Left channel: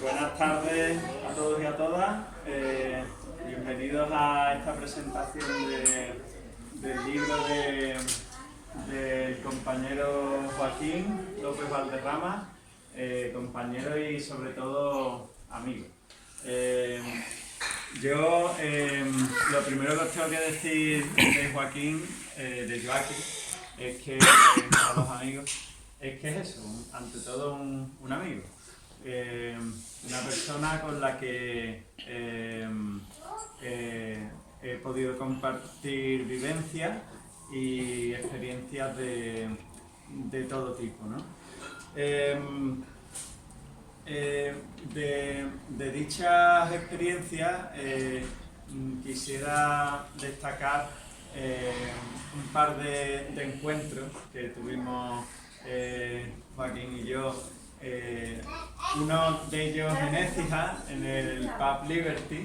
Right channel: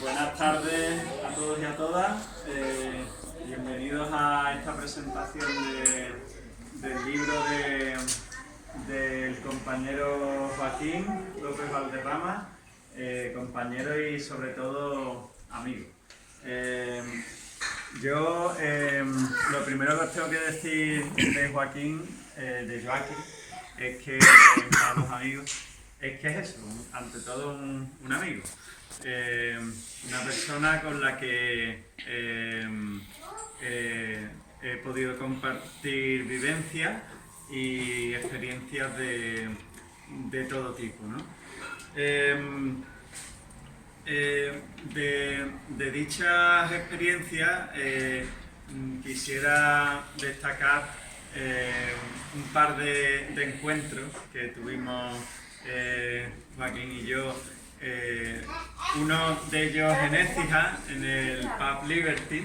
Buenas tardes a todos y a todas. Bienvenidos a esta presentación del libro del compañero Joaquín López Valderrama, compañero y sobre todo amigo. Yo lo primero que os tengo que decir de Joaquín, es que a los amigos, es que es eso, ante todo un amigo. Una persona con la que he podido compartir vivencias y experiencias de todo tipo, ¿no? De dichas experiencias quisiera destacar un par de encuentros que tuvimos Joaquín y yo. Uno de ellos en Écija, en el Pub Liberty,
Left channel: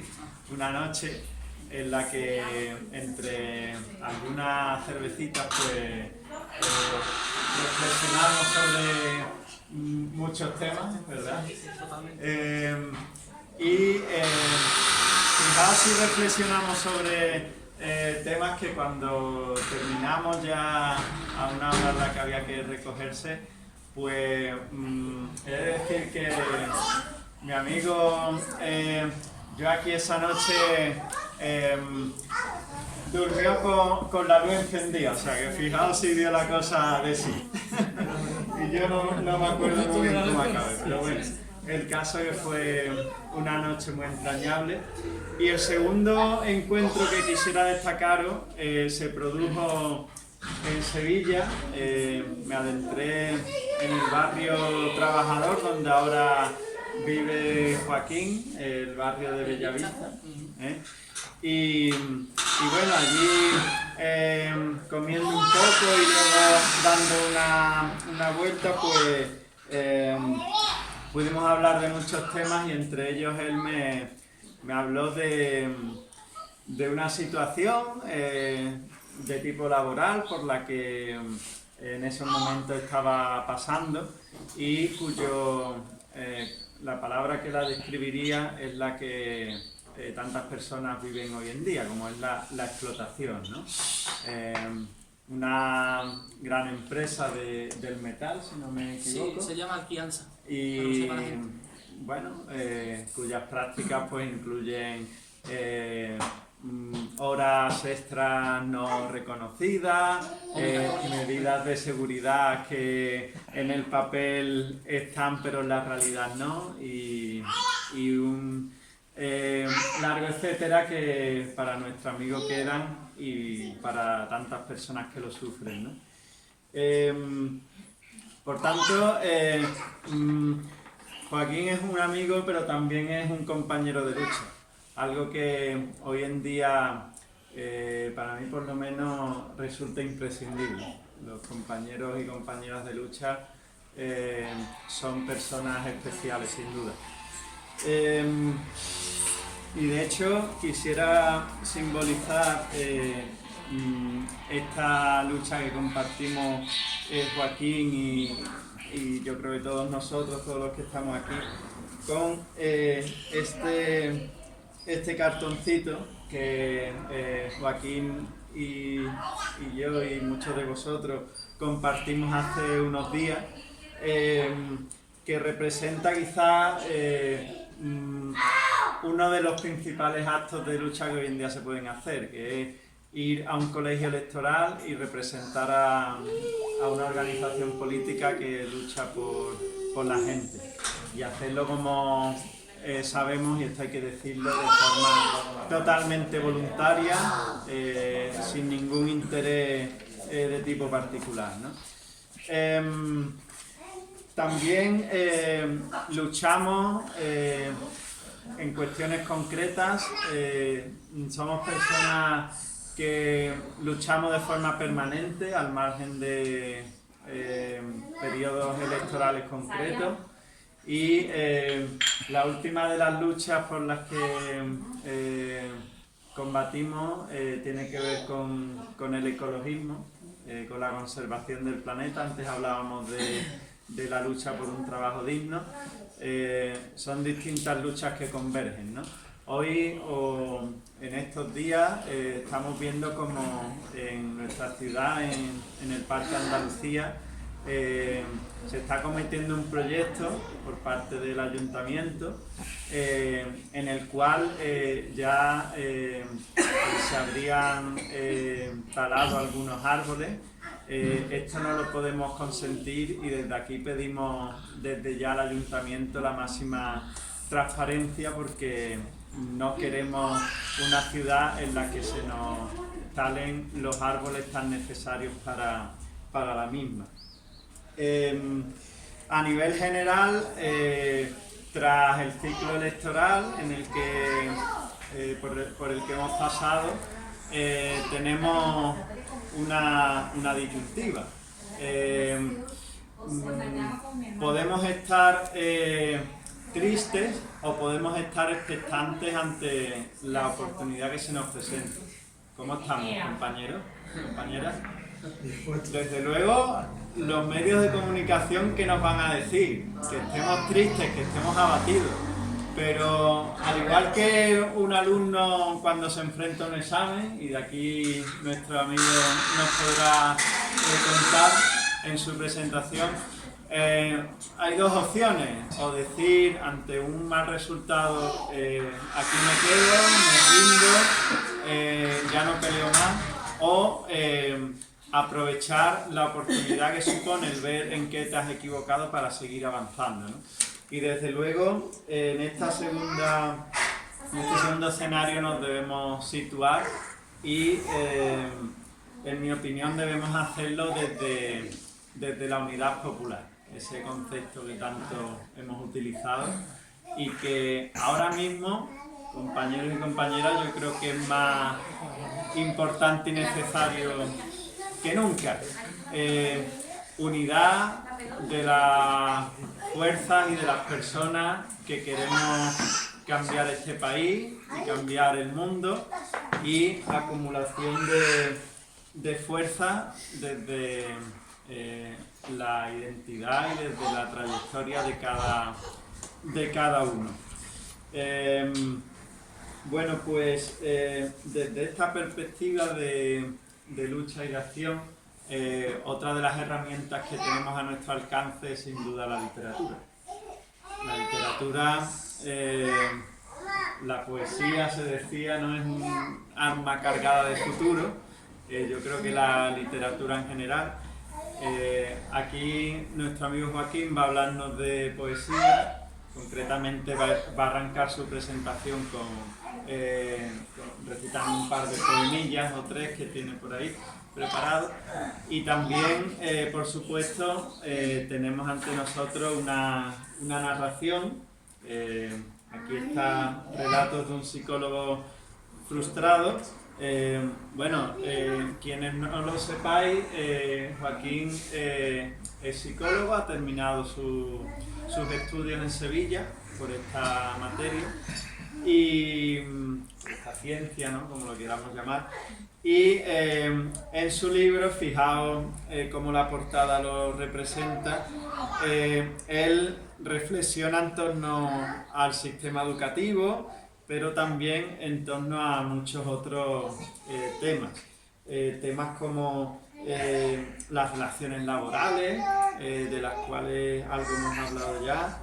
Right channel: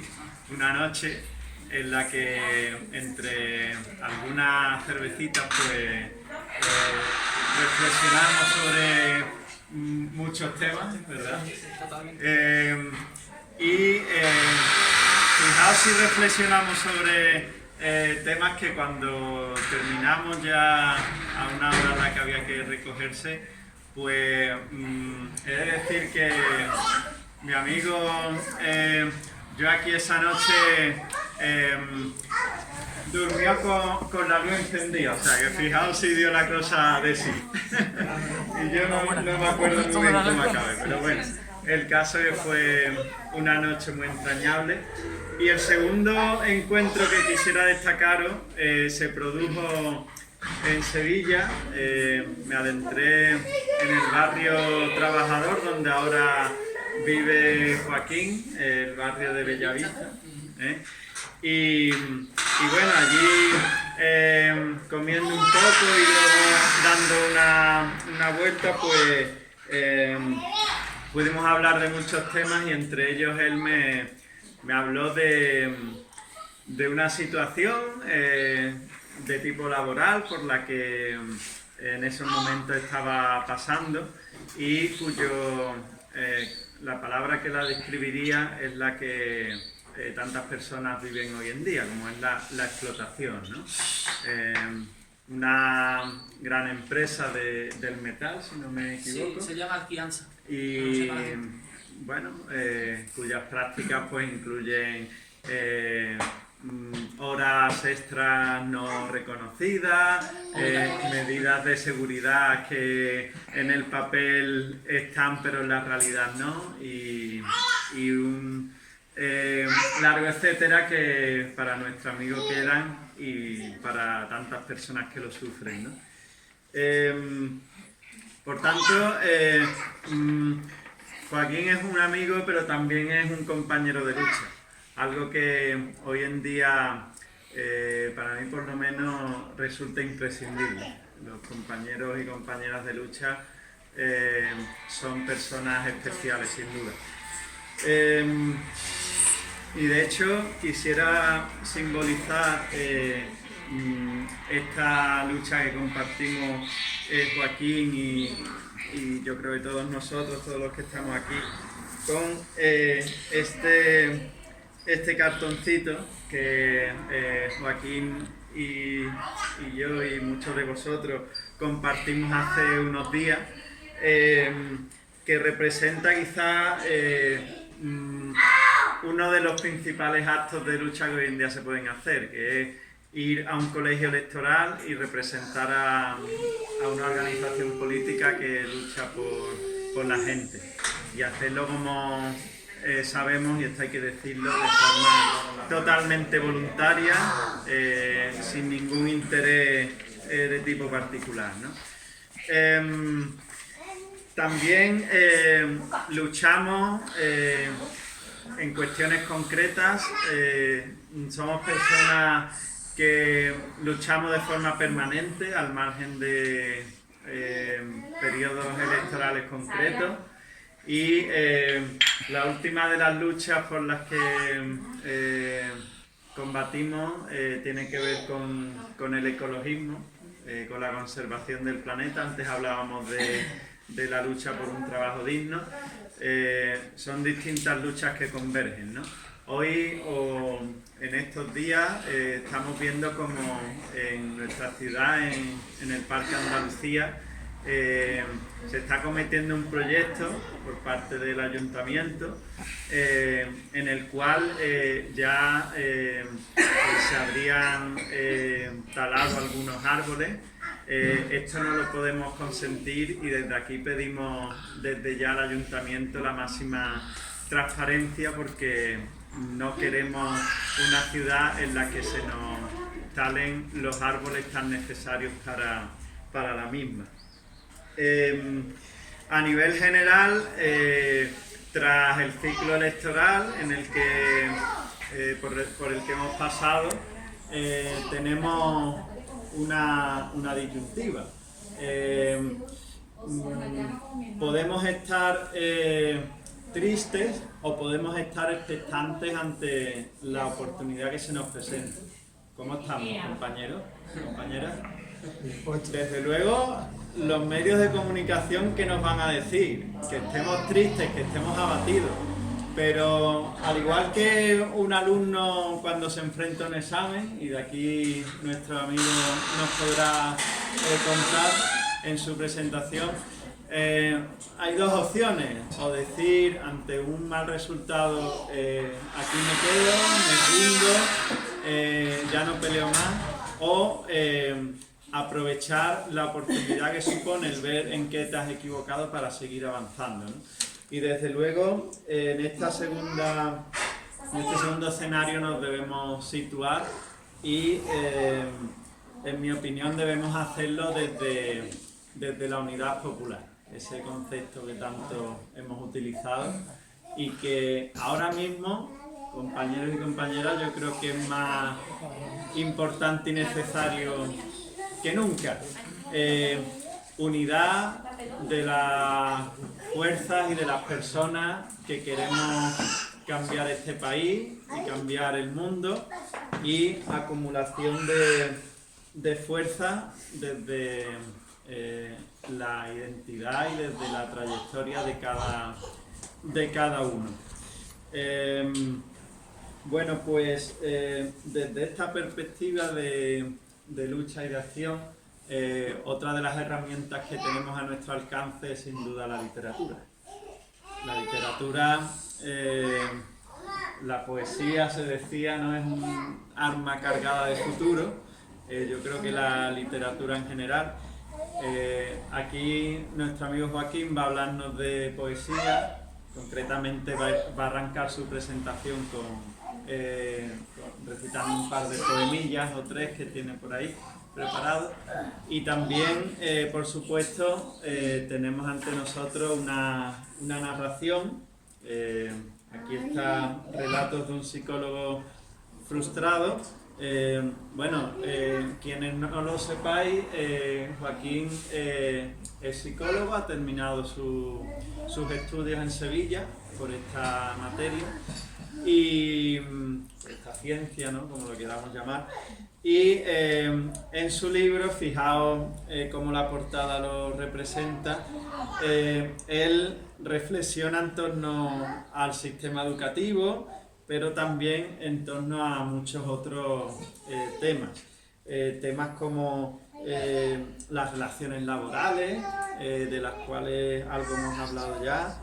una noche en la que entre algunas cervecitas pues reflexionamos sobre muchos temas, ¿verdad? Fijaos si reflexionamos sobre temas que cuando terminamos ya a una hora en la que había que recogerse, pues he de decir que mi amigo yo aquí esa noche durmió con la luz encendida, o sea que fijaos si dio la cosa de sí. Y yo no me acuerdo muy bien cómo acabé, pero bueno, el caso es que fue una noche muy entrañable. Y el segundo encuentro que quisiera destacaros se produjo en Sevilla. Me adentré en el barrio Trabajador, donde ahora vive Joaquín, el barrio de Bellavista. Y bueno, allí comiendo un poco y luego dando una vuelta, pues pudimos hablar de muchos temas y entre ellos él me habló de una situación de tipo laboral por la que en ese momento estaba pasando y la palabra que la describiría es la que tantas personas viven hoy en día, como es la explotación, ¿no? Una gran empresa del metal, si no me equivoco. Sí, se llama Alfianza. Y bueno, cuyas prácticas pues incluyen horas extras no reconocidas, medidas de seguridad que en el papel están pero en la realidad no, y un largo etcétera que para nuestro amigo quedan y para tantas personas que lo sufren, ¿no? Por tanto, Joaquín es un amigo pero también es un compañero de lucha. Algo que hoy en día, para mí por lo menos, resulta imprescindible. Los compañeros y compañeras de lucha son personas especiales, sin duda. Y de hecho, quisiera simbolizar esta lucha que compartimos Joaquín y yo creo que todos nosotros, todos los que estamos aquí, con este cartoncito que Joaquín y yo y muchos de vosotros compartimos hace unos días, que representa quizás uno de los principales actos de lucha que hoy en día se pueden hacer, que es ir a un colegio electoral y representar a una organización política que lucha por la gente, y hacerlo como sabemos, y esto hay que decirlo, de forma totalmente voluntaria, sin ningún interés de tipo particular, ¿no? También luchamos en cuestiones concretas, somos personas que luchamos de forma permanente al margen de periodos electorales concretos. Y la última de las luchas por las que combatimos tiene que ver con el ecologismo, con la conservación del planeta. Antes hablábamos de la lucha por un trabajo digno. son distintas luchas que convergen, ¿no? Hoy o en estos días estamos viendo como en nuestra ciudad, en el Parque Andalucía, se está cometiendo un proyecto por parte del ayuntamiento en el cual ya se habrían talado algunos árboles. Esto no lo podemos consentir y desde aquí pedimos desde ya al ayuntamiento la máxima transparencia, porque no queremos una ciudad en la que se nos talen los árboles tan necesarios para la misma. A nivel general, tras el ciclo electoral en el que, por el que hemos pasado, tenemos una disyuntiva. Podemos estar tristes o podemos estar expectantes ante la oportunidad que se nos presenta. ¿Cómo estamos, compañeros? ¿Compañeras? Desde luego, los medios de comunicación, ¿qué nos van a decir? Que estemos tristes, que estemos abatidos. Pero al igual que un alumno cuando se enfrenta a un examen, y de aquí nuestro amigo nos podrá contar en su presentación, hay dos opciones: o decir ante un mal resultado, aquí me quedo, me rindo, ya no peleo más, o aprovechar la oportunidad que supone el ver en qué te has equivocado para seguir avanzando, ¿no? Y desde luego en este segundo escenario nos debemos situar y en mi opinión debemos hacerlo desde la unidad popular, ese concepto que tanto hemos utilizado y que ahora mismo, compañeros y compañeras, yo creo que es más importante y necesario que nunca. Unidad de las fuerzas y de las personas que queremos cambiar este país y cambiar el mundo, y acumulación de fuerzas desde la identidad y desde la trayectoria de cada uno. Bueno, pues desde esta perspectiva de lucha y de acción, otra de las herramientas que tenemos a nuestro alcance es sin duda la literatura. La literatura, la poesía, se decía, no es un arma cargada de futuro. Yo creo que la literatura en general. Aquí nuestro amigo Joaquín va a hablarnos de poesía. Concretamente va a arrancar su presentación recitando un par de poemillas o tres que tiene por ahí preparado. Y también, por supuesto, tenemos ante nosotros una narración. Aquí está Relatos de un psicólogo frustrado. Quienes no lo sepáis, Joaquín es psicólogo, ha terminado sus estudios en Sevilla por esta materia y esta ciencia, ¿no?, como lo queramos llamar. Y en su libro, fijaos cómo la portada lo representa, él reflexiona en torno al sistema educativo, pero también en torno a muchos otros temas. Temas como las relaciones laborales, de las cuales algo hemos hablado ya,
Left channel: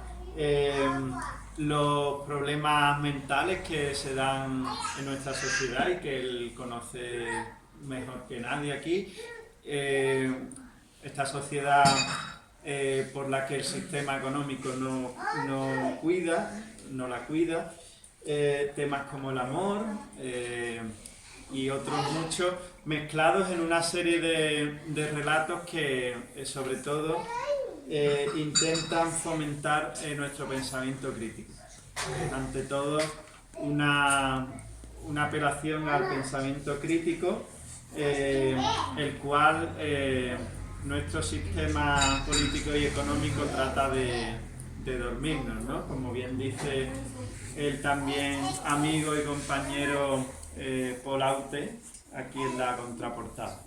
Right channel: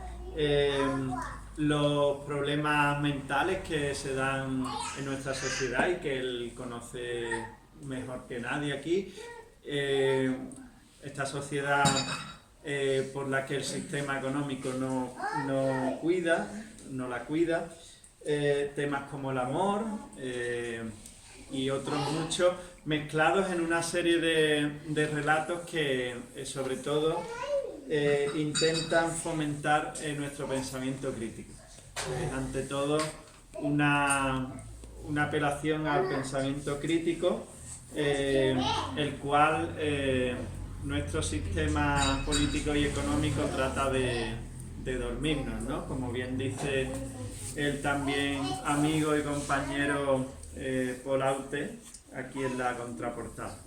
los problemas mentales que se dan en nuestra sociedad y que él conoce mejor que nadie aquí. Esta sociedad por la que el sistema económico no la cuida. Temas como el amor y otros muchos, mezclados en una serie de relatos que sobre todo intentan fomentar nuestro pensamiento crítico. Ante todo, una apelación al pensamiento crítico, el cual nuestro sistema político y económico trata de dormirnos, ¿no? Como bien dice el también amigo y compañero Paul Aute, aquí en la contraportada.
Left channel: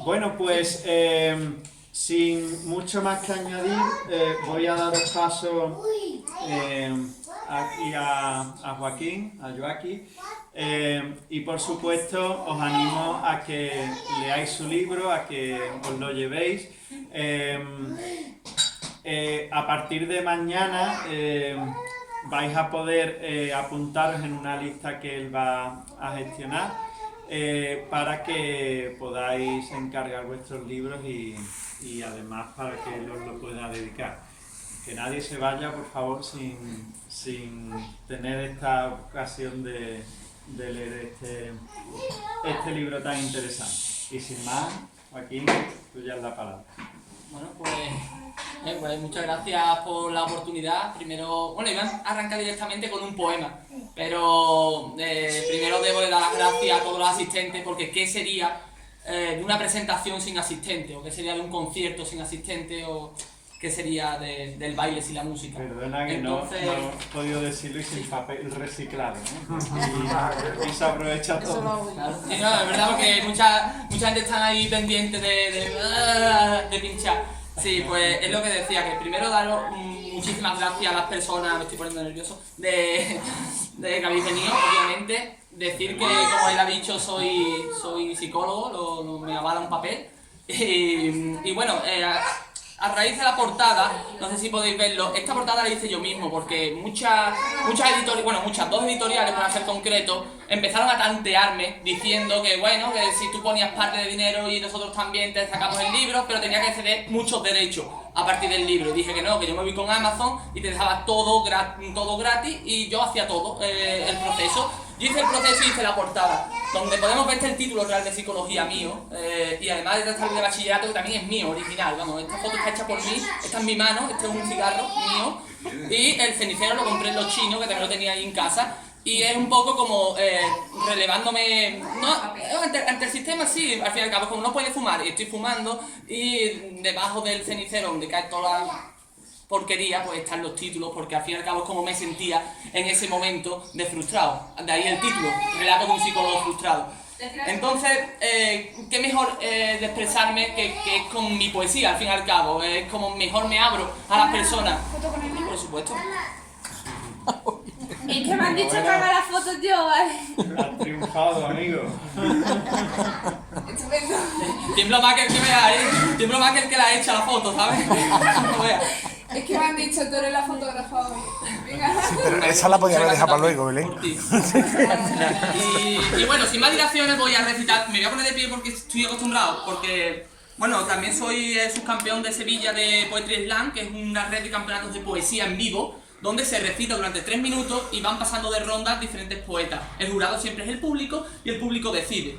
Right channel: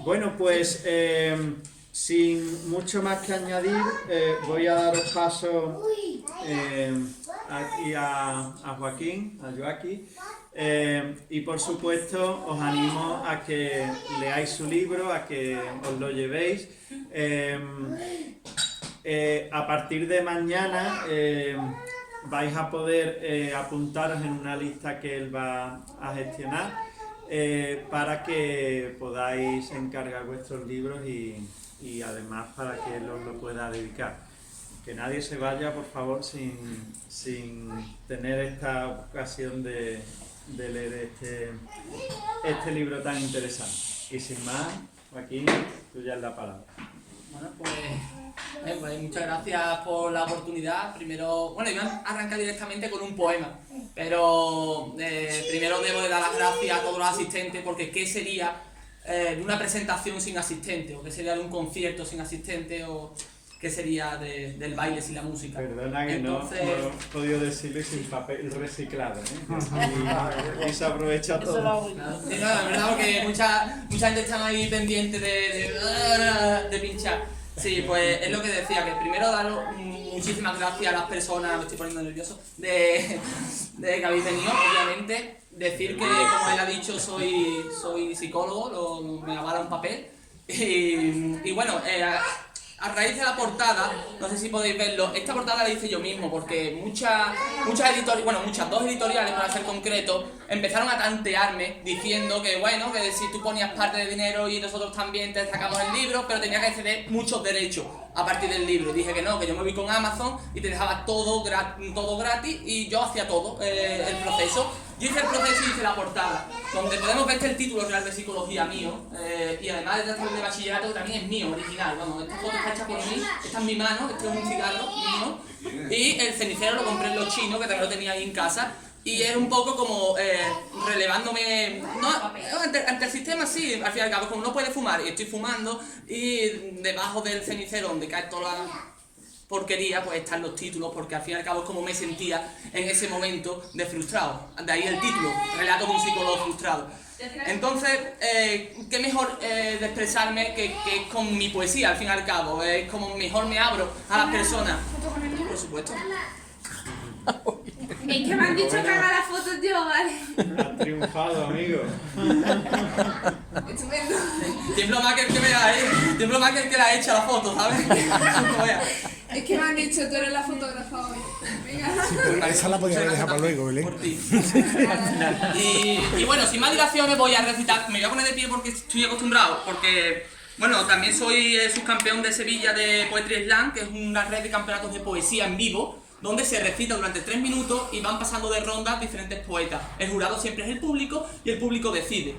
Bueno, pues sin mucho más que añadir, voy a daros paso aquí a Joaquín, a Joaquín, y por supuesto os animo a que leáis su libro, a que os lo llevéis. A partir de mañana vais a poder apuntaros en una lista que él va a gestionar para que podáis encargar vuestros libros y además para que él os lo pueda dedicar. Que nadie se vaya, por favor, sin tener esta ocasión de leer este libro tan interesante. Y sin más, Joaquín, tuya es la palabra. Bueno, pues muchas gracias por la oportunidad. Primero, bueno, iba a arrancar directamente con un poema, pero primero debo de dar las gracias a todos los asistentes, porque ¿qué sería de una presentación sin asistente? ¿O qué sería de un concierto sin asistente? ¿O qué sería del baile sin la música? Perdona que entonces, no he podido decirlo y sin papel reciclado, y se aprovecha todo. Claro. Sí, no, es verdad, porque mucha gente está ahí pendiente de pinchar. Sí, pues es lo que decía, que primero daros muchísimas gracias a las personas, me estoy poniendo nervioso, de que habéis venido, obviamente. Decir que, como él ha dicho, soy psicólogo, me avala un papel. Y bueno, a raíz de la portada, no sé si podéis verlo, esta portada la hice yo mismo, porque muchas editoriales, bueno, dos editoriales para ser concreto, empezaron a tantearme diciendo que bueno, que si tú ponías parte de dinero y nosotros también te sacamos el libro, pero tenía que ceder muchos derechos a partir del libro. Y dije que no, que yo me voy con Amazon y te dejaba todo gratis y yo hacía todo el proceso. Yo hice el proceso y hice la portada, donde podemos ver el título real de psicología mío, y además de tratar de bachillerato, que también es mío, original, vamos, esta foto está hecha por mí, está en mi mano, este es un cigarro mío, y el cenicero lo compré en los chinos, que también lo tenía ahí en casa, y es un poco como relevándome, no, ante el sistema sí, al fin y al cabo, como no puede fumar, y estoy fumando, y debajo del cenicero, donde cae toda la porquería, pues están los títulos, porque al fin y al cabo es como me sentía en ese momento de frustrado. De ahí el título, Relato de un psicólogo frustrado. Entonces, qué mejor de expresarme que con mi poesía, al fin y al cabo. Es como mejor me abro a las personas. Por supuesto. Es que me han dicho que haga las fotos yo, ¿vale? Has triunfado, amigo. Estupendo. Tiemblo más que el que vea, tiemblo más que el que la echa la foto, ¿sabes? No vea. Es que me han dicho, tú eres la fotógrafa hoy. Venga. Sí, pero esa la podía haber dejado para luego, Belén. Por ti. Y bueno, sin más dilaciones voy a recitar. Me voy a poner de pie porque estoy acostumbrado, porque bueno, también soy subcampeón de Sevilla de Poetry Slam, que es una red de campeonatos de poesía en vivo, donde se recita durante 3 minutos y van pasando de rondas diferentes poetas. El jurado siempre es el público y el público decide.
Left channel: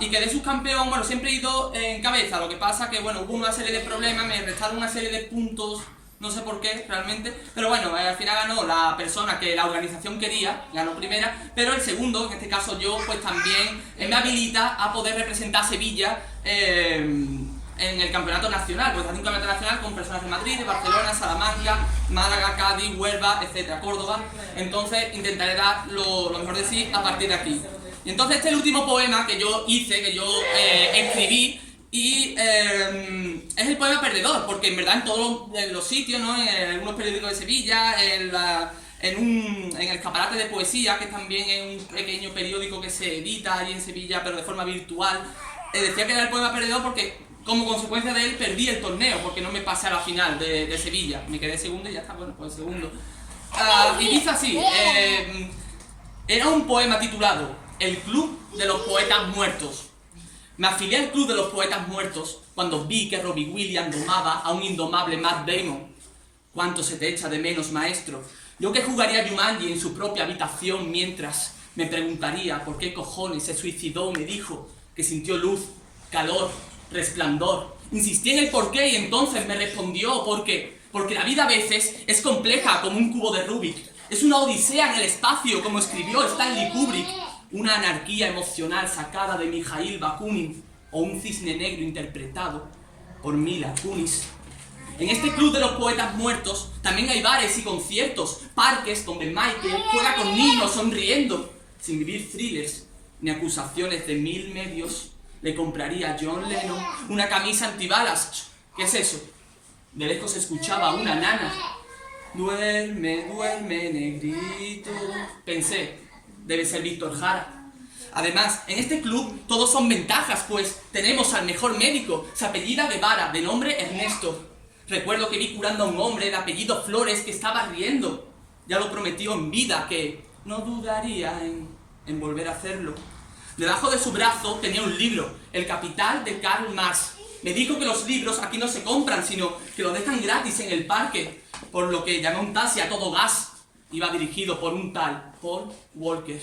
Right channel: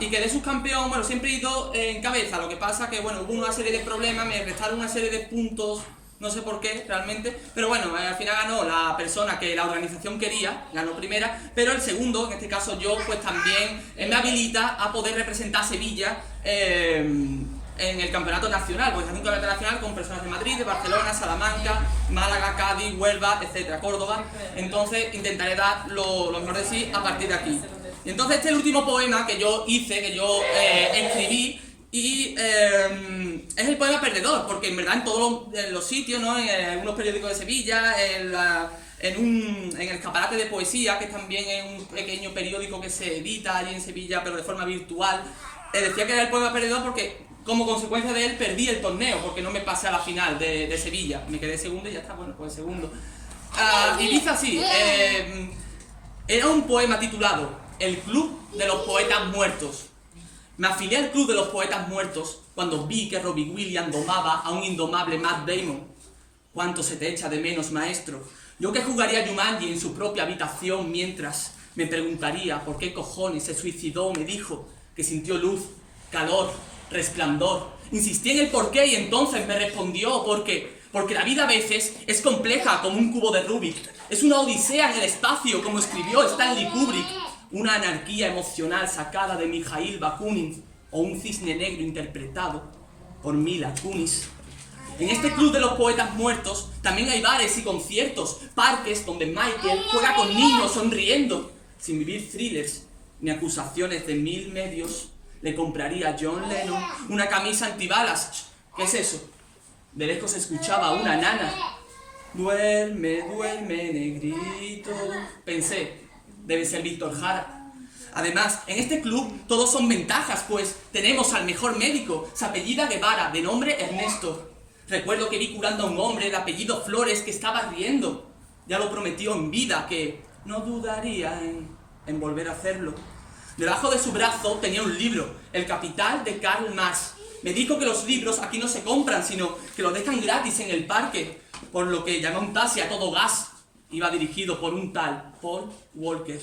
Y quedé subcampeón, bueno, siempre he ido en cabeza, lo que pasa que, bueno, hubo una serie de problemas, me restaron una serie de puntos, no sé por qué realmente, pero bueno, al final ganó la persona que la organización quería, ganó primera, pero el segundo, en este caso yo, pues también me habilita a poder representar a Sevilla en el campeonato nacional, porque hace un campeonato nacional con personas de Madrid, de Barcelona, Salamanca, Málaga, Cádiz, Huelva, etcétera, Córdoba. Entonces intentaré dar lo mejor de sí a partir de aquí. Y entonces este es el último poema que yo hice, que yo escribí, y es el poema Perdedor, porque en verdad en todos los sitios, ¿no? En algunos periódicos de Sevilla, en el Escaparate de Poesía, que también es un pequeño periódico que se edita allí en Sevilla, pero de forma virtual, decía que era el poema Perdedor porque como consecuencia de él perdí el torneo, porque no me pasé a la final de Sevilla. Me quedé segundo y ya está, bueno, pues segundo. Y dice así, era un poema titulado El Club de los Poetas Muertos. Me afilié al Club de los Poetas Muertos cuando vi que Robbie Williams domaba a un indomable Matt Damon. ¿Cuánto se te echa de menos, maestro? Yo que jugaría Jumanji en su propia habitación mientras me preguntaría por qué cojones se suicidó, me dijo que sintió luz, calor, resplandor. Insistí en el porqué y entonces me respondió porque la vida a veces es compleja como un cubo de Rubik. Es una odisea en el espacio, como escribió Stanley Kubrick. Una anarquía emocional sacada de Mikhail Bakunin o un cisne negro interpretado por Mila Kunis. En este club de los poetas muertos también hay bares y conciertos, parques donde Michael juega con niños sonriendo, sin vivir thrillers ni acusaciones de 1000 medios. Le compraría a John Lennon una camisa antibalas. ¿Qué es eso? De lejos se escuchaba una nana. Duerme, duerme, negrito. Pensé, debe ser Víctor Jara. Además, en este club todos son ventajas, pues tenemos al mejor médico. Se apellida Guevara, de nombre Ernesto. Recuerdo que vi curando a un hombre de apellido Flores que estaba riendo. Ya lo prometió en vida que no dudaría en volver a hacerlo. Debajo de su brazo tenía un libro, El Capital de Karl Marx. Me dijo que los libros aquí no se compran, sino que los dejan gratis en el parque, por lo que llamé a un taxi a todo gas. Iba dirigido por un tal Paul Walker.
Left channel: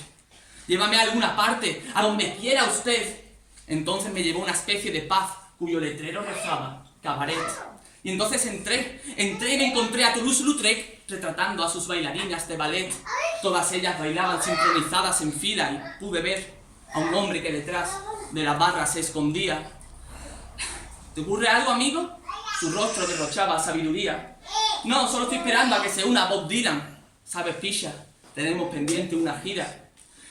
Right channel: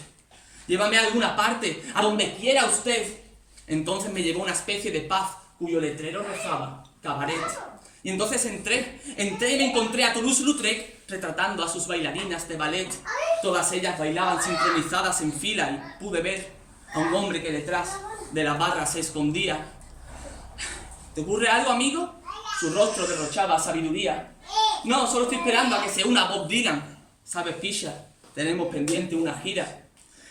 Llévame a alguna parte, a donde quiera usted. Entonces me llevó a una especie de pub cuyo letrero rezaba Cabaret. Y entonces entré y me encontré a Toulouse-Lautrec retratando a sus bailarinas de ballet. Todas ellas bailaban sincronizadas en fila y pude ver a un hombre que detrás de la barra se escondía. ¿Te ocurre algo, amigo? Su rostro derrochaba sabiduría. No, solo estoy esperando a que se una Bob Dylan. ¿Sabes, Fisher? Tenemos pendiente una gira.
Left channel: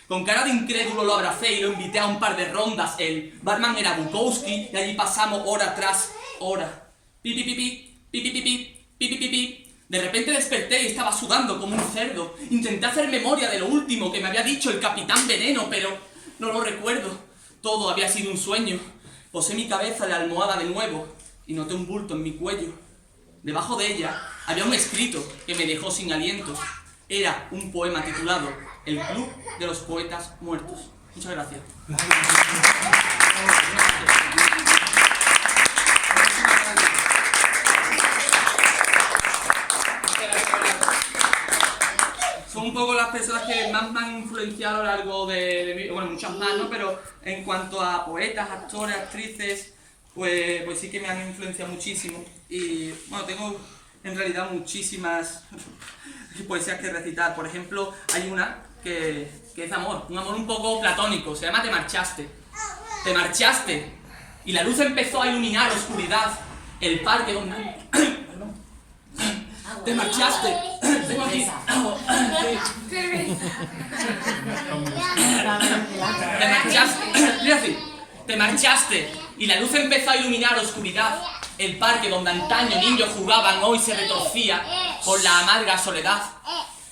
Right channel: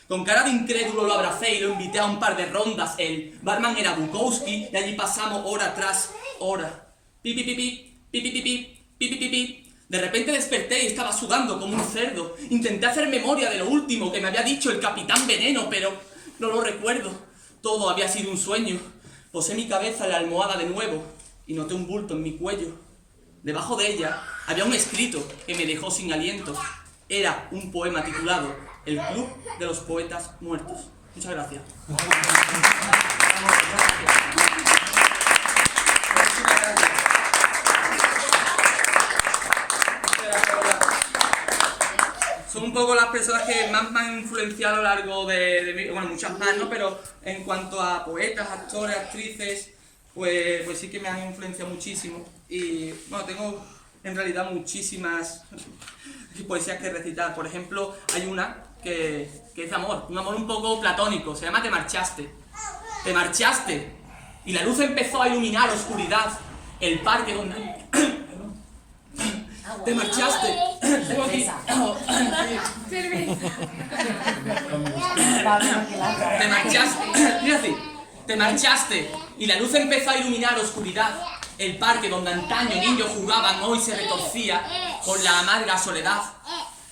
Con cara de incrédulo lo abracé y lo invité a un par de rondas. El barman era Bukowski y allí pasamos hora tras hora. Pi, pi, pi, pi, pi, pi, pi, pi, pi, pi, pi, pi. De repente desperté y estaba sudando como un cerdo. Intenté hacer memoria de lo último que me había dicho el Capitán Veneno, pero no lo recuerdo. Todo había sido un sueño. Posé mi cabeza en la almohada de nuevo y noté un bulto en mi cuello. Debajo de ella había un escrito que me dejó sin aliento. Era un poema titulado El Club de los Poetas Muertos. Muchas gracias. Son un poco las personas que más me han influenciado a lo largo de mi... Bueno, muchas más, ¿no? Pero en cuanto a poetas, actores, actrices, pues sí que me han influenciado muchísimo. Y bueno, tengo en realidad muchísimas poesías que recitar. Por ejemplo, hay una que es de amor, un amor un poco platónico, se llama Te marchaste. Te marchaste y la luz empezó a iluminar oscuridad, el parque donde... Perdón. Te marchaste. Tengo aquí. Te marchaste. Mira así. Te marchaste y la luz empezó a iluminar oscuridad, el parque donde antaño niños jugaban hoy se retorcía por la amarga soledad.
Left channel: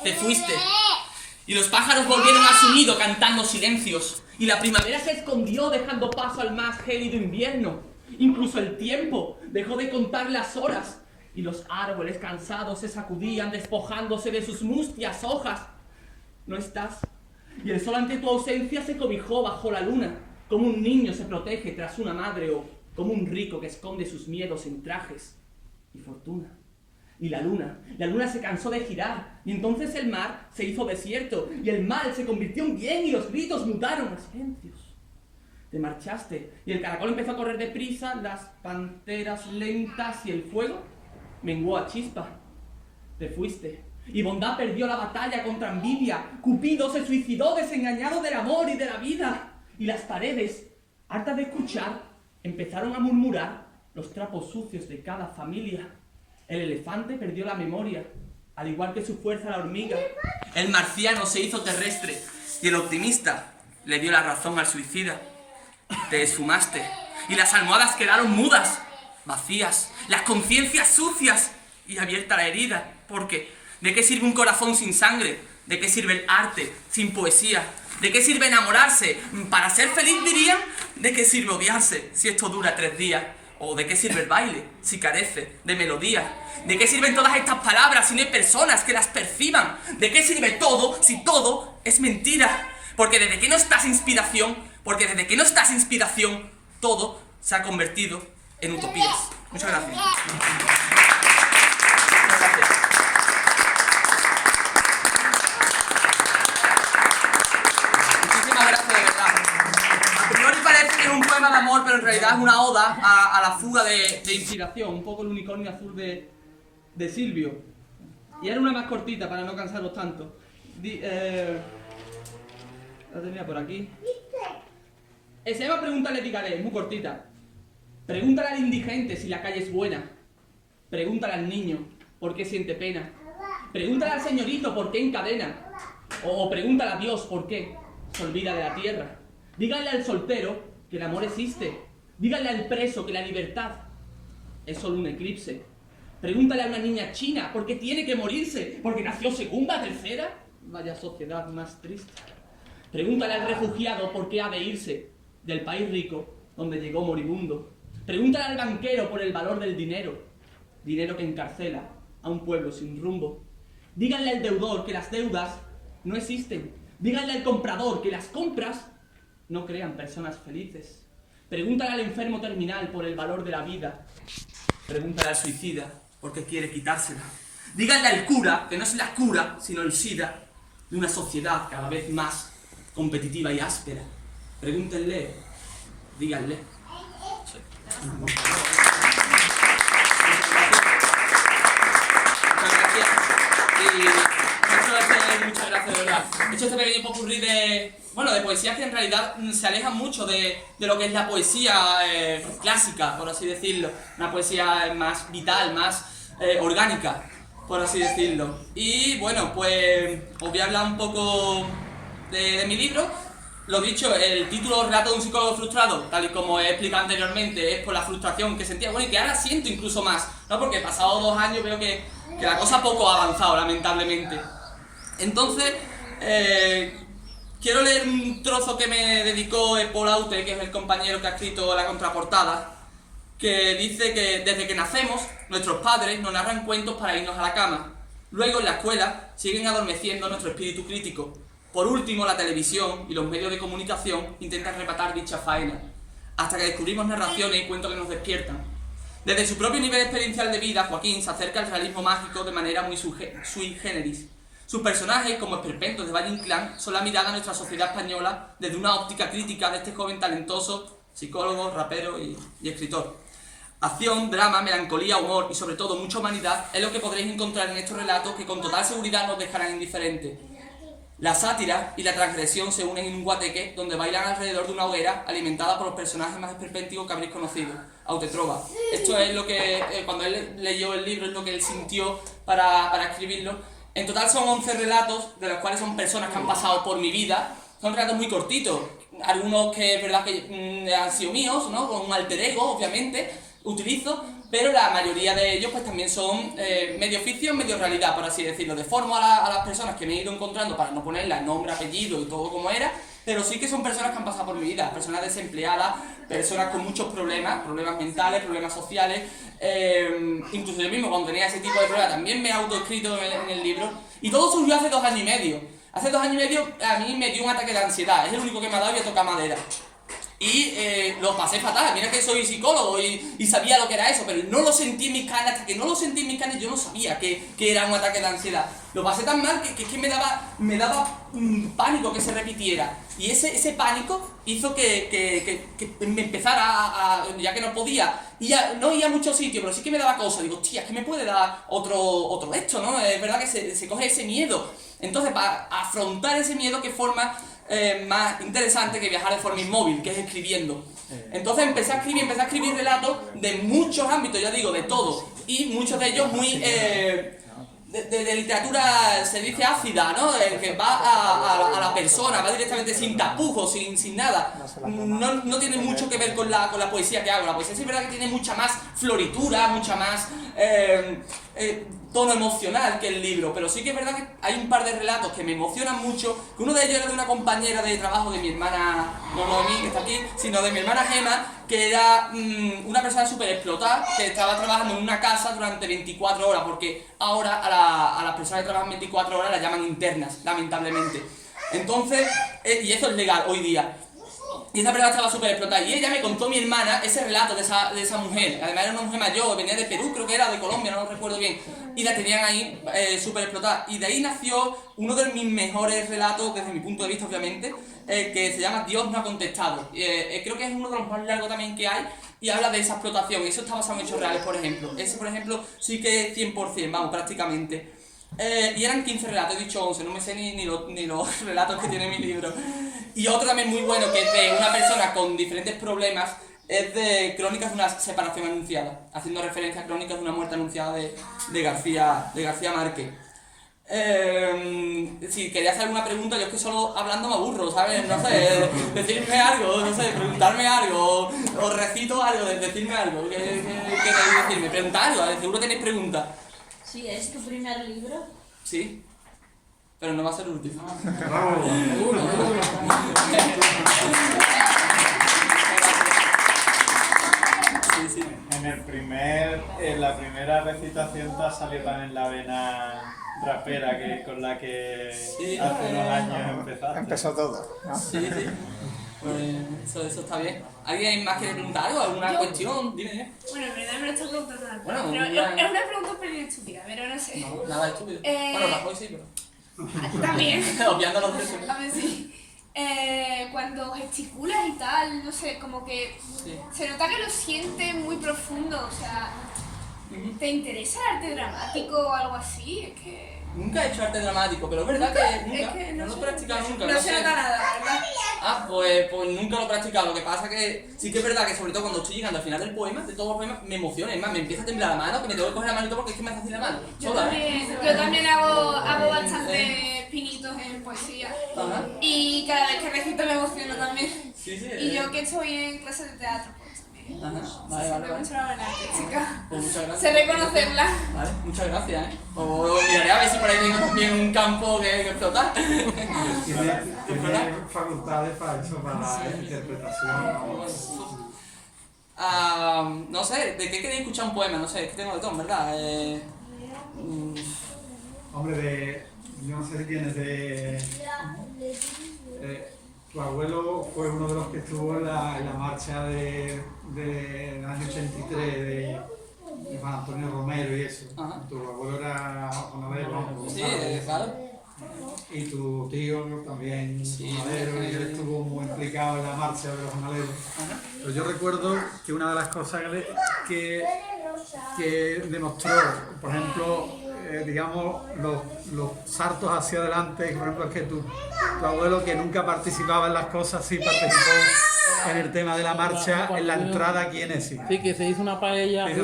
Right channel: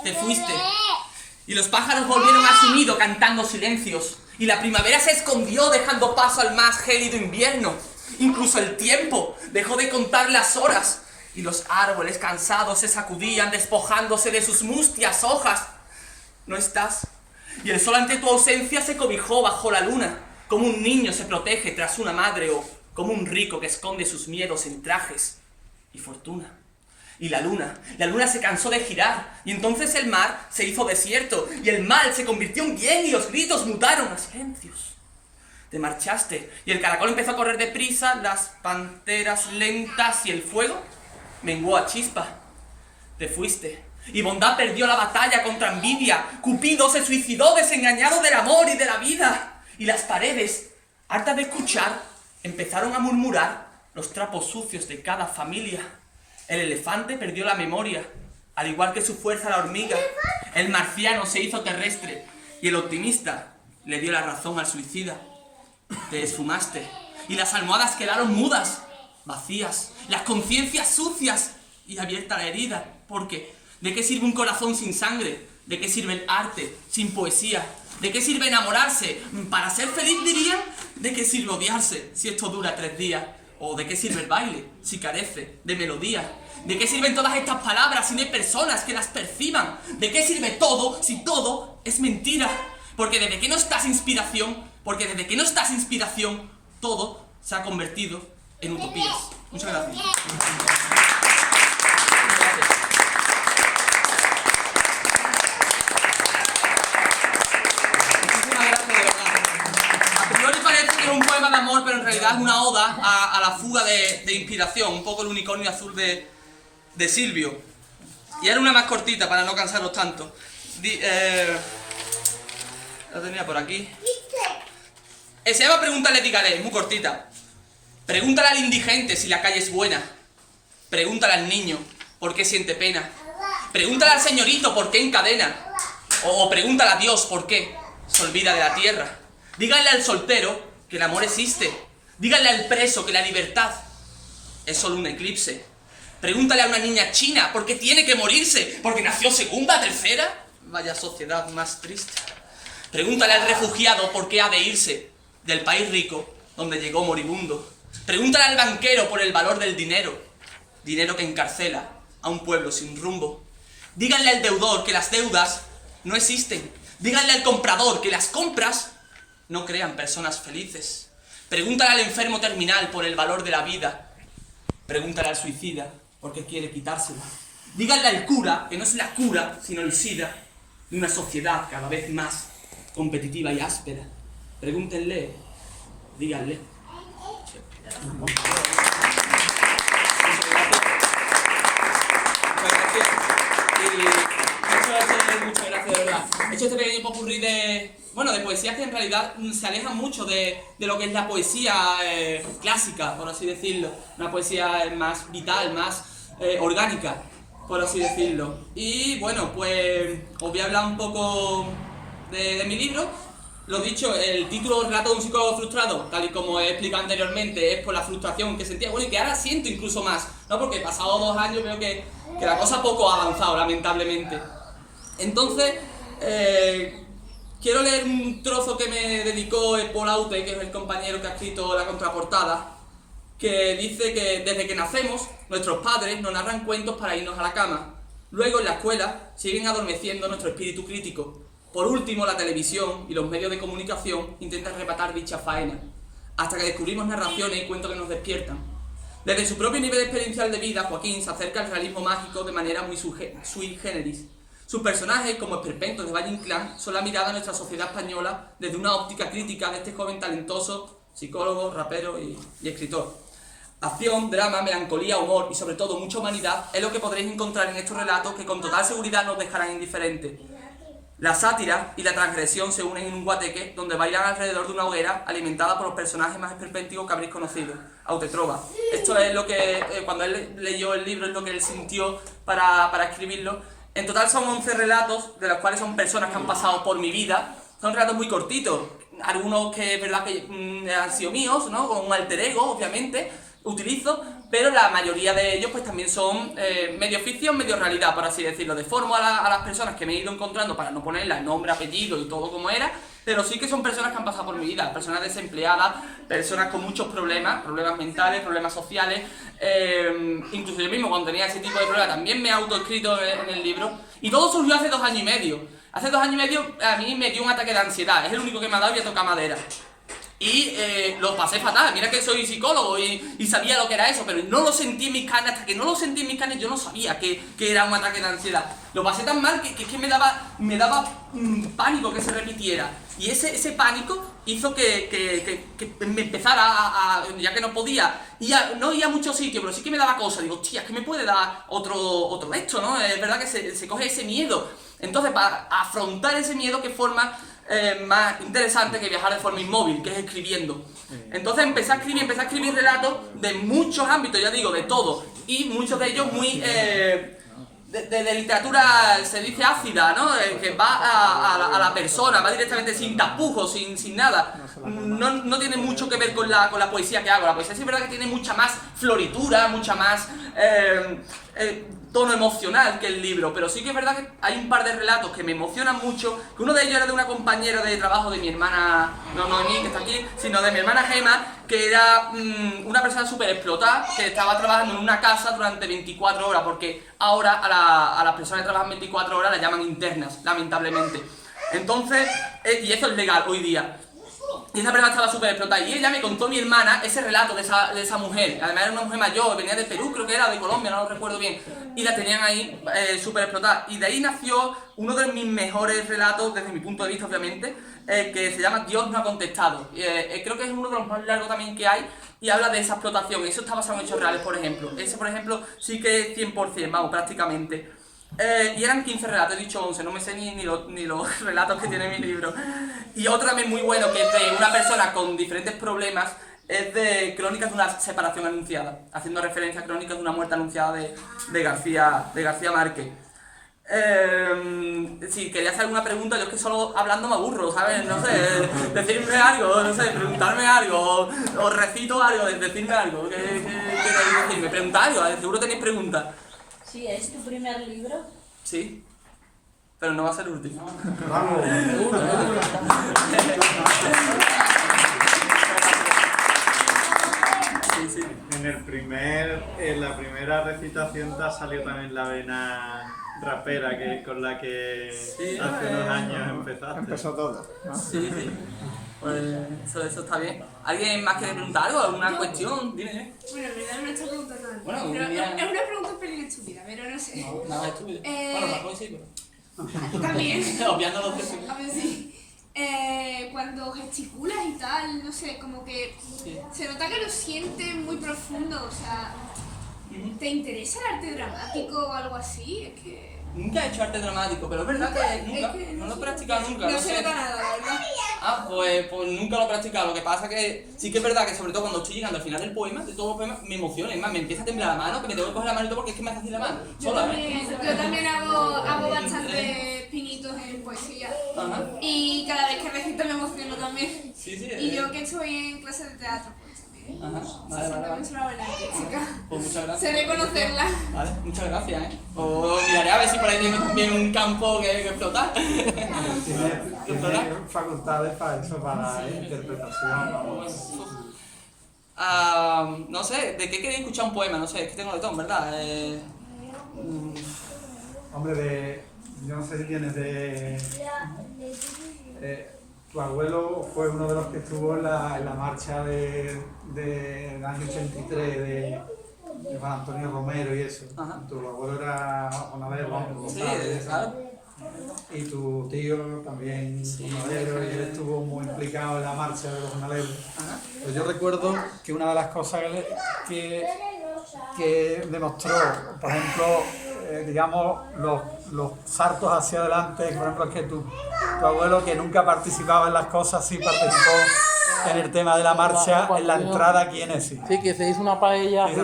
Te fuiste y los pájaros volvieron a su nido cantando silencios y la primavera se escondió dejando paso al más gélido invierno. Incluso el tiempo dejó de contar las horas y los árboles cansados se sacudían despojándose de sus mustias hojas. No estás y el sol ante tu ausencia se cobijó bajo la luna, como un niño se protege tras una madre o como un rico que esconde sus miedos en trajes y fortuna. Y la luna se cansó de girar y entonces el mar se hizo desierto y el mal se convirtió en bien y los gritos mutaron a silencios. Te marchaste y el caracol empezó a correr deprisa, las panteras lentas y el fuego menguó a chispa. Te fuiste y bondad perdió la batalla contra envidia, Cupido se suicidó desengañado del amor y de la vida y las paredes, hartas de escuchar, empezaron a murmurar los trapos sucios de cada familia. El elefante perdió la memoria, al igual que su fuerza la hormiga. El marciano se hizo terrestre y el optimista le dio la razón al suicida. Te esfumaste y las almohadas quedaron mudas, vacías, las conciencias sucias y abierta la herida. Porque, ¿de qué sirve un corazón sin sangre? ¿De qué sirve el arte sin poesía? ¿De qué sirve enamorarse? ¿Para ser feliz dirían? ¿De qué sirve odiarse si esto dura 3 días? ¿O de qué sirve el baile si carece de melodía? ¿De qué sirven todas estas palabras si no hay personas que las perciban? ¿De qué sirve todo si todo es mentira? Porque desde que no estás inspiración, todo se ha convertido en utopías. Muchas gracias. Parece que es un poema de amor, pero en realidad es una oda a la fuga de inspiración, un poco el unicornio azul de Silvio. Y era una más cortita para no cansaros tanto. La tenía por aquí. Se llama Pregúntale a Picaré, es muy cortita. Pregúntale al indigente si la calle es buena. Pregúntale al niño por qué siente pena. Pregúntale al señorito por qué encadena. O pregúntale a Dios por qué se olvida de la tierra. Díganle al soltero que el amor existe. Díganle al preso que la libertad es solo un eclipse. Pregúntale a una niña china por qué tiene que morirse, porque nació segunda, tercera. Vaya sociedad más triste. Pregúntale al refugiado por qué ha de irse del país rico donde llegó moribundo. Pregúntale al banquero por el valor del dinero, dinero que encarcela a un pueblo sin rumbo. Díganle al deudor que las deudas no existen. Díganle al comprador que las compras no crean personas felices. Pregúntale al enfermo terminal por el valor de la vida. Pregúntale al suicida por qué quiere quitársela. Díganle al cura que no es la cura, sino el SIDA de una sociedad cada vez más competitiva y áspera. Pregúntenle, díganle. Sí. Muchas gracias. Y muchas gracias, de verdad. He hecho este pequeño popurrí de poesías que en realidad se alejan mucho de lo que es la poesía clásica, por así decirlo. Una poesía más vital, más orgánica, por así decirlo. Y bueno, pues os voy a hablar un poco de mi libro. Lo dicho, el título Relato de un psicólogo frustrado, tal y como he explicado anteriormente, es por la frustración que sentía, bueno, y que ahora siento incluso más, ¿no? Porque pasados 2 años veo que la cosa poco ha avanzado, lamentablemente. Entonces, quiero leer un trozo que me dedicó Paul Auter, que es el compañero que ha escrito la contraportada, que dice que desde que nacemos, nuestros padres nos narran cuentos para irnos a la cama. Luego, en la escuela, siguen adormeciendo nuestro espíritu crítico. Por último, la televisión y los medios de comunicación intentan rematar dicha faena, hasta que descubrimos narraciones y cuentos que nos despiertan. Desde su propio nivel experiencial de vida, Joaquín se acerca al realismo mágico de manera muy sui generis. Sus personajes, como esperpentos de Valle Inclán, son la mirada a nuestra sociedad española desde una óptica crítica de este joven talentoso, psicólogo, rapero y escritor. Acción, drama, melancolía, humor y sobre todo mucha humanidad es lo que podréis encontrar en estos relatos que con total seguridad nos dejarán indiferentes. La sátira y la transgresión se unen en un guateque donde bailan alrededor de una hoguera alimentada por los personajes más esperpénticos que habréis conocido. Autetrova. Esto es lo que, cuando él leyó el libro, es lo que él sintió para escribirlo. En total son 11 relatos, de los cuales son personas que han pasado por mi vida. Son relatos muy cortitos. Algunos que es verdad que han sido míos, ¿no? Con un alter ego, obviamente, utilizo, pero la mayoría de ellos pues también son medio ficción, medio realidad, por así decirlo. Deformo a las personas que me he ido encontrando para no ponerlas nombre, apellido y todo como era, pero sí que son personas que han pasado por mi vida, personas desempleadas, personas con muchos problemas mentales, problemas sociales, incluso yo mismo cuando tenía ese tipo de problemas también me he autoescrito en el libro, y todo surgió hace 2 años y medio. Hace 2 años y medio a mí me dio un ataque de ansiedad, es el único que me ha dado y voy a tocar madera. Y lo pasé fatal, mira que soy psicólogo y sabía lo que era eso, pero no lo sentí en mis carnes, hasta que no lo sentí en mis carnes yo no sabía que era un ataque de ansiedad. Lo pasé tan mal que es que me daba pánico que se repitiera. Y ese pánico hizo que me empezara ya que no podía, no ir a muchos sitios, pero sí que me daba cosas. Digo, hostia, es que me puede dar otro de esto, ¿no? Es verdad que se coge ese miedo. Entonces, para afrontar ese miedo, ¿qué forma más interesante que viajar de forma inmóvil, que es escribiendo? Entonces empecé a escribir relatos de muchos ámbitos, ya digo, de todo, y muchos de ellos muy de literatura, se dice ácida, ¿no? Que va a la persona, va directamente sin tapujos, sin nada. No tiene mucho que ver con la poesía que hago. La poesía sí es verdad que tiene mucha más floritura, mucha más tono emocional que el libro, pero sí que es verdad que hay un par de relatos que me emocionan mucho, que uno de ellos era de una compañera de trabajo de mi hermana, no de mí, que está aquí, sino de mi hermana Gema, que era una persona súper explotada, que estaba trabajando en una casa durante 24 horas, porque ahora a las personas que trabajan 24 horas las llaman internas, lamentablemente. Entonces, y eso es legal hoy día. Y esa persona estaba súper explotada. Y ella me contó, mi hermana, ese relato de esa mujer. Además era una mujer mayor, venía de Perú, creo que era, de Colombia, no lo recuerdo bien. Y la tenían ahí súper explotada. Y de ahí nació uno de mis mejores relatos, desde mi punto de vista, obviamente, que se llama Dios no ha contestado. Creo que es uno de los más largos también que hay. Y habla de esa explotación. Eso está basado en hechos reales, por ejemplo. Ese, por ejemplo, sí que es 100%, vamos, prácticamente. Y eran 15 relatos, he dicho 11, no me sé ni los relatos que tiene mi libro. Y otro también muy bueno, que es de una persona con diferentes problemas, es de Crónicas de una separación anunciada, haciendo referencia a Crónicas de una muerte anunciada de García Márquez. Si quería hacer alguna pregunta, yo es que solo hablando me aburro, ¿sabes? No sé, decirme algo, no sé, preguntarme algo, o recito algo, decirme algo. ¿Qué queréis decirme? Preguntad algo, seguro tenéis preguntas. Sí, ¿es tu primer libro? Sí, pero no va a ser el último. Sí, sí. En la primera recitación te ha salido también la vena rapera con la que Sí, hace unos años empezaste. Empezó todo. Sí, sí. Pues eso está bien. ¿Alguien más quiere preguntar algo? ¿Alguna cuestión? Dime. Bueno, en verdad no me estoy preguntando nada. Bueno, pero ya- es una pregunta un pelín estúpida, pero no sé. No, nada estúpido. Bueno, Rajoy sí, pero... A ti también. Obviando los tres. A ver, sí. Cuando gesticulas y tal, no sé, como que Sí. se nota que lo sientes muy profundo, o sea, ¿te interesa el arte dramático o algo así? Es que... Nunca he hecho arte dramático, pero es verdad que nunca. Es que No lo he sé, practicado nunca. No no se sé. nota nada, la verdad. Ah, pues nunca lo he practicado. Lo que pasa que sí que es verdad que sobre todo cuando estoy llegando al final del poema, de todos los poemas, me emociona. Es más, me empieza a temblar la mano, que me tengo que coger la manito porque es que me hace así la mano. Yo Sola, ¿eh? también hago bastantes pinitos en poesía. Ajá. Y cada vez que recito me emociono también. Sí, sí. Y yo que estoy en clase de teatro, pues también. Ajá. Se Vale, siente vale, vale. mucho la buena artística. Pues muchas gracias. Sé reconocerla. Vale, muchas gracias, ¿eh? O miraré a ver si por ahí tengo también un campo que explotar. Tiene facultades para eso, para interpretación. No sé, ¿de qué queréis escuchar un poema? No sé, es que tengo de todo, ¿verdad? Hombre, yo no sé si tienes tu abuelo fue uno de los que estuvo en la marcha del año 83 de Juan Antonio Romero y eso. Ajá. Tu abuelo era jornalero, vamos. Sí, ¿sabes? claro. Y tu tío también Sí, jornalero, y él estuvo muy implicado en la marcha de los jornaleros. Ajá. Pero yo recuerdo que una de las cosas que demostró, por ejemplo, digamos, los saltos hacia adelante, por ejemplo, es que tu abuelo, que nunca participaba en las cosas, sí participó en el tema de la marcha, en la entrada aquí en ESI. Sí, que se hizo una paella. Sí,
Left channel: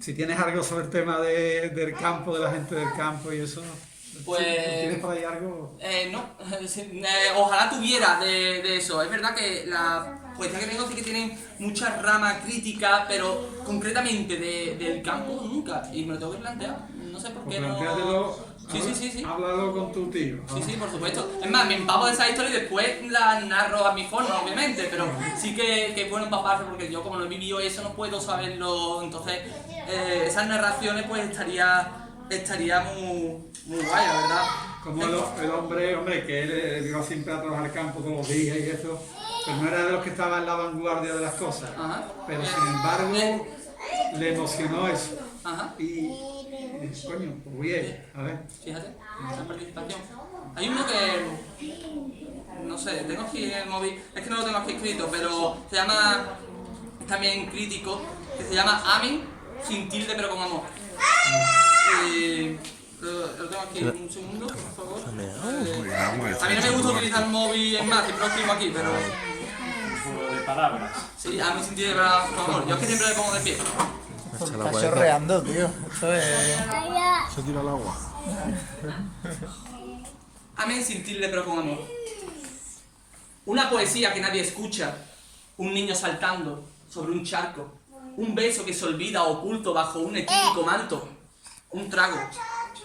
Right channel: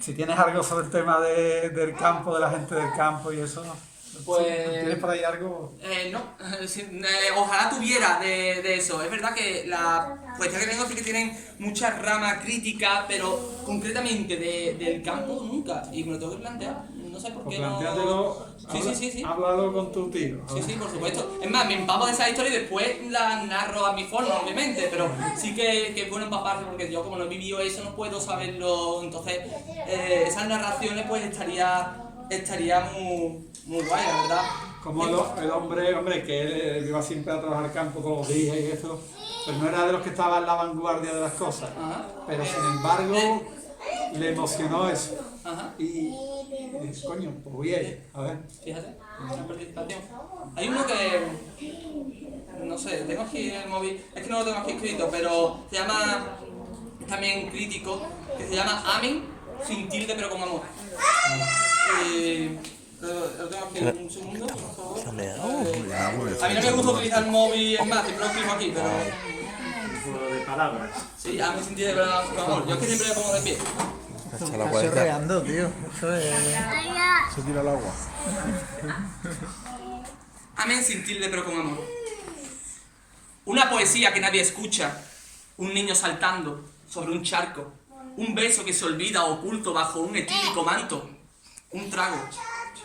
si tienes algo sobre el tema del campo, de la gente del campo y eso, Pues- ¿tienes por ahí algo? No, ojalá tuviera de eso. Es verdad que la poesía que tengo sí que tienen muchas ramas críticas, pero concretamente del campo nunca. Y me lo tengo que plantear. No sé por Pues qué no. plantéatelo, Sí. Háblalo con tu tío. Sí, por supuesto. Es más, me empapo de esa historia y después la narro a mi forma, obviamente, pero sí que es bueno empaparse porque yo como no he vivido eso no puedo saberlo, entonces esas narraciones pues estaría muy guay, la verdad. Como el hombre que él iba siempre a trabajar campo con los días y eso, pero no era de los que estaba en la vanguardia de las cosas. Ajá. Pero sin embargo, le emocionó eso. Ajá. Y coño, pues bien, a ver. Fíjate, esa participación. Hay uno que, no sé, tengo aquí en el móvil, es que no lo tengo aquí escrito, pero se llama, también crítico, que se llama Amén, sin tilde pero con amor. Y lo tengo aquí, un segundo, por favor. A mí no me gusta utilizar el móvil, es más, siempre lo escribo aquí, pero... Un juego de palabras. Sí, Amén sin tilde pero con amor. Yo es que siempre le pongo de pie. Está chorreando, tío. Eso es. Se tira al agua. Amén sin tilde pero con amor. Una poesía que nadie escucha, un niño saltando sobre un charco, un beso que se olvida oculto bajo un etílico manto, un trago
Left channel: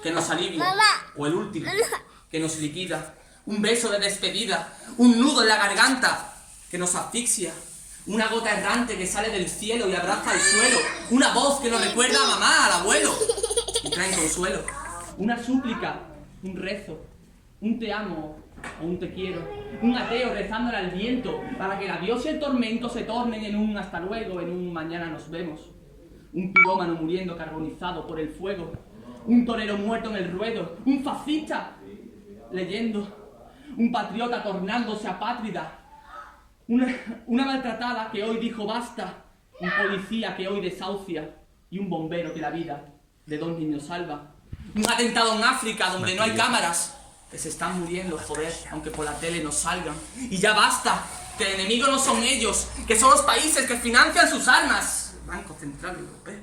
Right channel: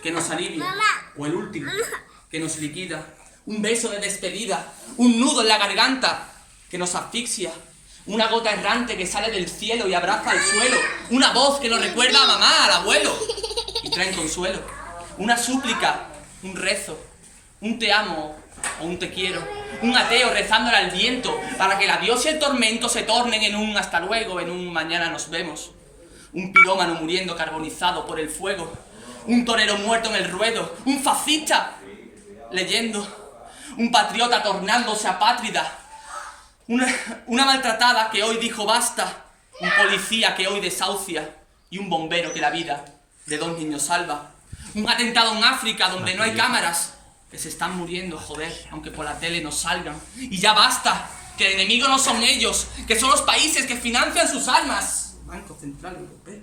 que nos alivia, o el último que nos liquida, un beso de despedida, un nudo en la garganta que nos asfixia, una gota errante que sale del cielo y abraza el suelo, una voz que nos recuerda a mamá, al abuelo, y traen consuelo, una súplica, un rezo, un te amo o un te quiero, un ateo rezándole al viento para que el adiós y el tormento se tornen en un hasta luego, en un mañana nos vemos, un pirómano muriendo carbonizado por el fuego, un torero muerto en el ruedo, un fascista leyendo, un patriota tornándose apátrida, una maltratada que hoy dijo basta, un policía que hoy desahucia y un bombero que la vida de dos niños salva, un atentado en África donde no hay cámaras, que se están muriendo, joder, aunque por la tele no salgan. Y ya basta, que el enemigo no son ellos, que son los países que financian sus armas. Banco Central Europeo.